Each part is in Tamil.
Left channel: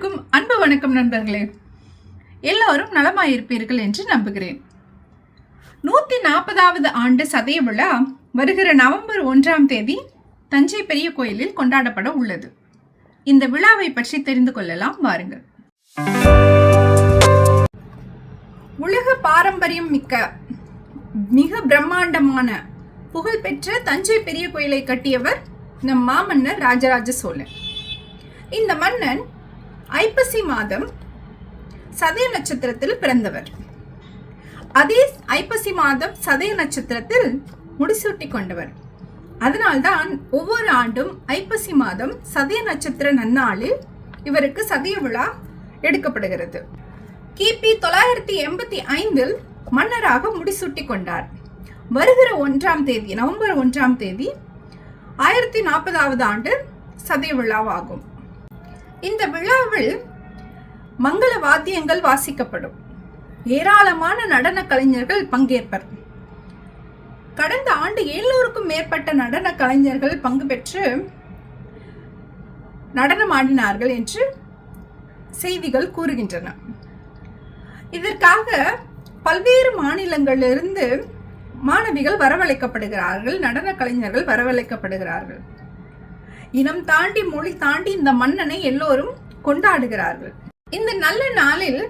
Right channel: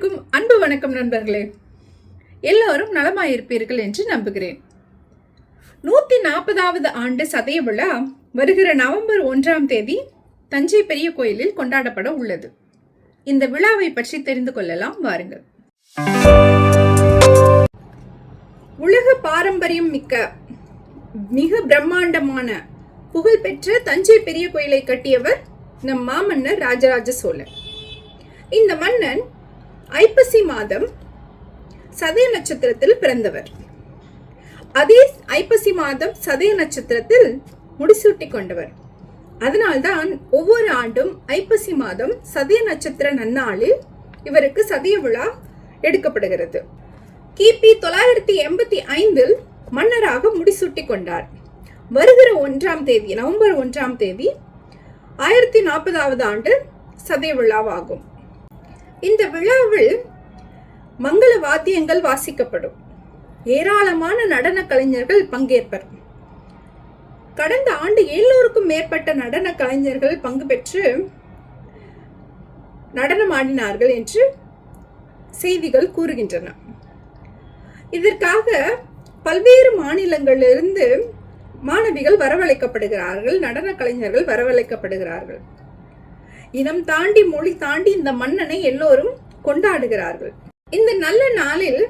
அனைவருக்கும் அன்பு வணக்கம் நண்பர்களே. எல்லோரும் நலமாயிருப்பீர்கள் என்று நம்புகிறேன். நூற்றி நாற்பதாவது ஆண்டு சதய விழா வருகிற நவம்பர் ஒன்றாம் தேதி தஞ்சை பெரிய கோயிலில் கொண்டாடப்பட உள்ளது. இந்த விழாவை பற்றி தெரிந்து கொள்ளலாம் வாருங்கள். உலக பாரம்பரியம் மிக்க மிக பிரம்மாண்டமான புகழ்பெற்ற தஞ்சை பெரிய கோயிலை கட்டியவர் நம் மாமன்னர் ராஜராஜ சோழன். இந்த மன்னன் ஐப்பசி மாதம் சதய நட்சத்திரத்தில் பிறந்தவர். அதே ஐப்பசி மாதம் சதய நட்சத்திரத்தில் முடிசூட்டி கொண்டவர் அதனால்தான் ஒவ்வொரு ஆண்டும் ஐப்பசி மாதம் சதய நட்சத்திர நன்னாளில் இவருக்கு சதய விழா எடுக்கப்படுகிறது. கிபி தொள்ளாயிரத்தி எண்பத்தி ஐந்தில் மன்னராக முடிசூட்டி கொண்டார் வருகிற ஒன்றாம் தேதி நவம்பர் ஒன்றாம் தேதி ஆயிரத்தி நாற்பதாவது ஆண்டு சதய விழாவாகும். இந்த விழாவில் மங்கள வாத்தியங்கள் வாசிக்கப்படும். ஏராளமான நடன கலைஞர்கள் பங்கேற்பர். கடந்த ஆண்டு எழுநூறுக்கும் மேற்பட்ட நடன கலைஞர்கள் பங்கு பெற்று நடனமாடினார்கள் என்று செய்திகள் கூறுகின்றன. இதற்காக பல்வேறு மாநிலங்களிலிருந்து மாணவிகள் வரவழைக்கப்படுகிறார்கள் நடன கலைஞர்கள் வரவழைக்கப்படுகிறார்கள். இனம் தாண்டி மொழி தாண்டி இந்த மன்னனை எல்லோரும் கொண்டாடுகிறார்கள். இந்த நல்ல நாளில்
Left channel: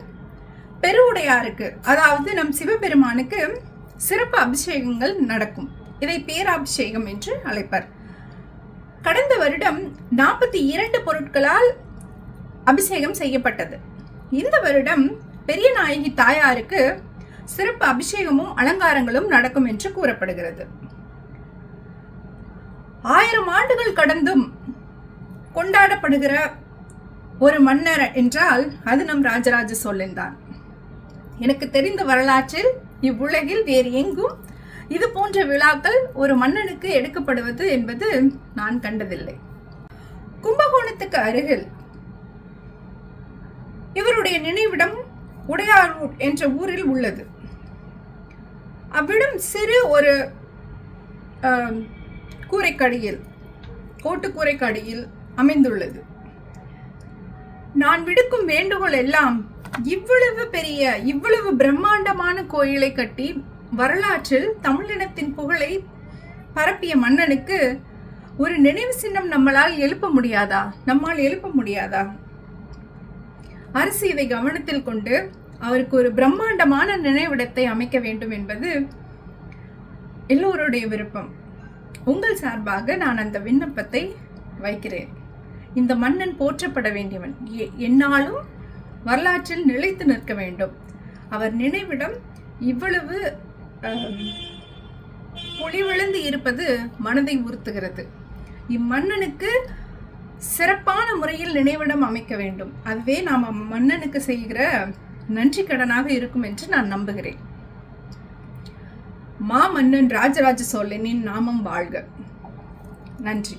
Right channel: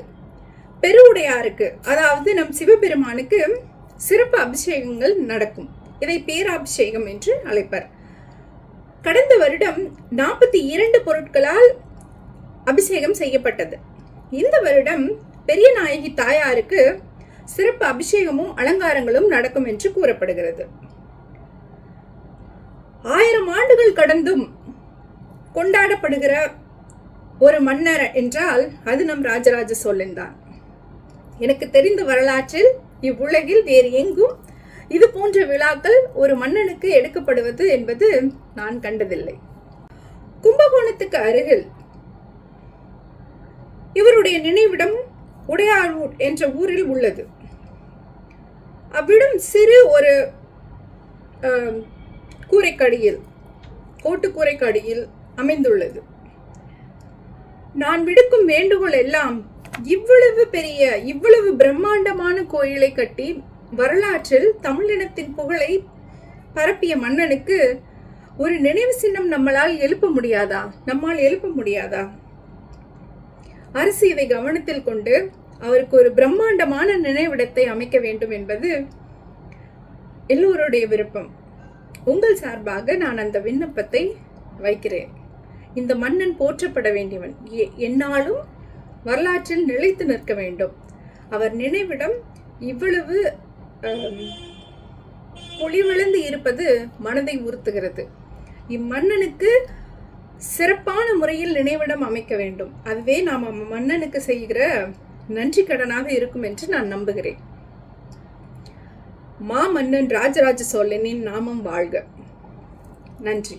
பெருவுடையாருக்கு அதாவது நம் சிவபெருமானுக்கு சிறப்பு அபிஷேகங்கள் நடக்கும். இதை பேராபிஷேகம் என்று அழைப்பர். கடந்த வருடம் நாற்பத்தி இரண்டு பொருட்களால் அபிஷேகம் செய்யப்பட்டது. இந்த வருடம் பெரிய நாயகி தாயாருக்கு சிறப்பு அபிஷேகமும் அலங்காரங்களும் நடக்கும் என்று கூறப்படுகிறது. ஆயிரம் ஆண்டுகள் கடந்தும் கொண்டாடப்படுகிற ஒரு மன்னர் என்றால் அது நம் ராஜராஜ சோழன் தான். எனக்கு தெரிந்த வரலாற்றில் இவ்வுலகில் வேறு எங்கும் இது போன்ற விழாக்கள் ஒரு மன்னனுக்கு எடுக்கப்படுவது என்பது நான் கண்டதில்லை. கும்பகோணத்துக்கு அருகில் இவருடைய நினைவிடம் உடையாரூர் என்ற ஊரில் உள்ளது. அவ்விடம் சிறு ஒரு கூரைக்கடியில் கோட்டுக்கூரைக்கடியில் அமைந்துள்ளது. நான் விடுக்கும் வேண்டுகோள் எல்லாம் இவ்வளவு பெரிய இவ்வளவு பிரம்மாண்டமான கோயிலை கட்டி வரலாற்றில் தமிழினத்தின் புகழை பரப்பிய மன்னனுக்கு ஒரு நினைவு சின்னம் நம்மளால் எழுப்ப முடியாதா? நம்மால் எழுப்ப முடியாதா? அரசு இதை கவனத்தில் கொண்டு அவருக்கு ஒரு பிரம்மாண்டமான நினைவிடத்தை அமைக்க வேண்டும் என்பது எல்லோருடைய விருப்பம். உங்கள் சார்பாக நான் அந்த விண்ணப்பத்தை வைக்கிறேன். இந்த மன்னன் போற்றப்பட வேண்டியவன் என்னாலும் வரலாற்றில் நிலைத்து நிற்க வேண்டும். அவர் நினைவிடம் இவ்வளவு பொலிவிழந்து இருப்பது மனதை உறுத்துகிறது. இம்மன்னனுக்கு சிறப்பான முறையில் நினைவிடம் அமைக்க வேண்டும். அதுவே நாம் மன்னனுக்கு செய்கிற நன்றி கடனாக இருக்கும் என்று நான் நம்புகிறேன். மா மன்னன் ராஜராஜ சோழனின் நாமம் வாழ்க. நன்றி.